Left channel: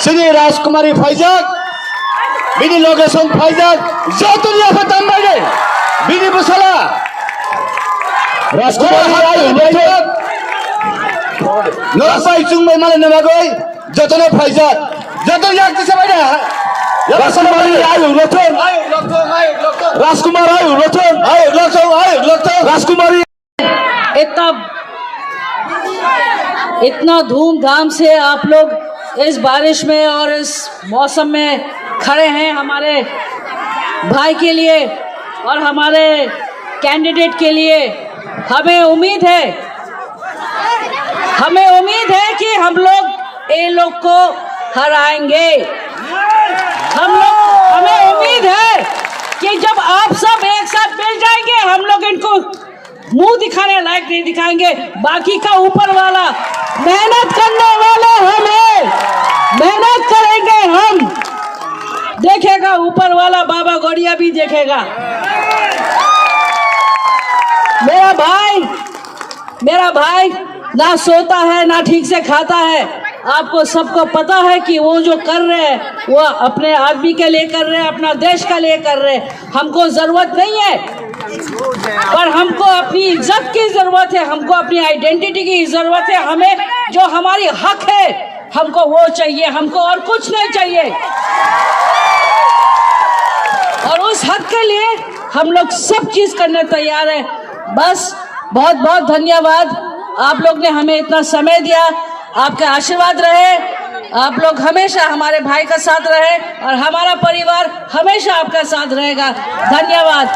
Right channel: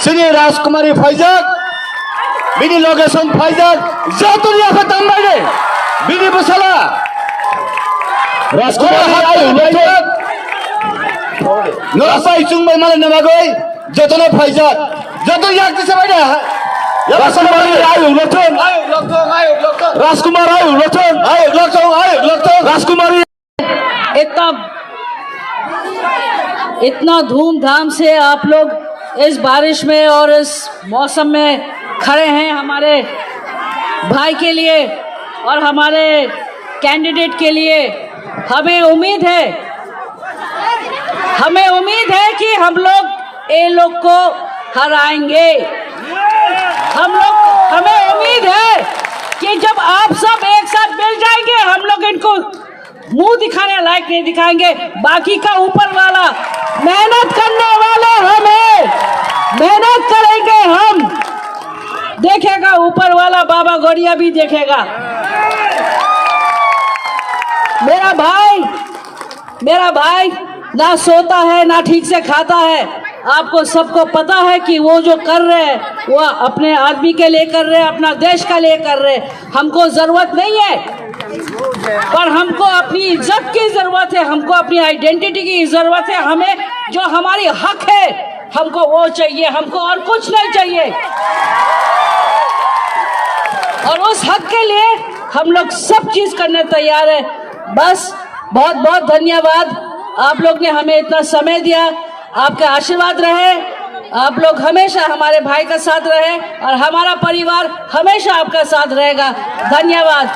Sini Raskumari Faizak, Bini Logeson Faizak, Zatulia Fatambaide, Bini Busala, Raskumari Faizak, Nosai Chungbai Malanamagoi, Jatona Faizak, Jatulia Kisabada, Raskumari Ayu Loton, Raskumari Ayu Loton, Raskumari. इतना धूमधाम से आप लोग इस बारिश में और इस मौसम में खड़े हैं हमारे भाई के लिए और हमारे कैंडिडेट के लिए। हमें उम्मीद है कि हम लोग ये लोग को हराएंगे। हमें उम्मीद है कि जब आप सब एक साथ मिल जाएंगे हम लोग इनको मुंह दिखाने लायक नहीं दिखाएंगे। बाकी का ऊपर वाला मेहनत करने वाला हम है, मेहनत करेंगे हम, देखेगा ऊपर वाला, बाबा गौड़िया भी देखेगा। मेरा भाई ना सोता है ना ठीक से खाता है। आपको सबको पता है कि वो जो कर रहे हैं वो अपने आदमी के लिए कर रहे हैं, अपना देश का लिए कर रहे हैं। हमको जरूरत नहीं है, पर हमको अपनी इज्जत की जरूरत है, हमको अपनी आइडेंटिटी की जरूरत है। हमें जो हमारी हक है हमको वो चाहिए, हमको और कुछ नहीं चाहिए। और उस हक के लिए हम लोग सब चीज करने तैयार है। बस बहुत बहुत धन्यवाद, आप लोग ने हमें इतना समय दिया। आपका आशीर्वाद रहे, आप लोग हमेशा हमारे भाई का साथ रहे और हमारा परिवार हमेशा आपका साथ रहेगा। धन्यवाद।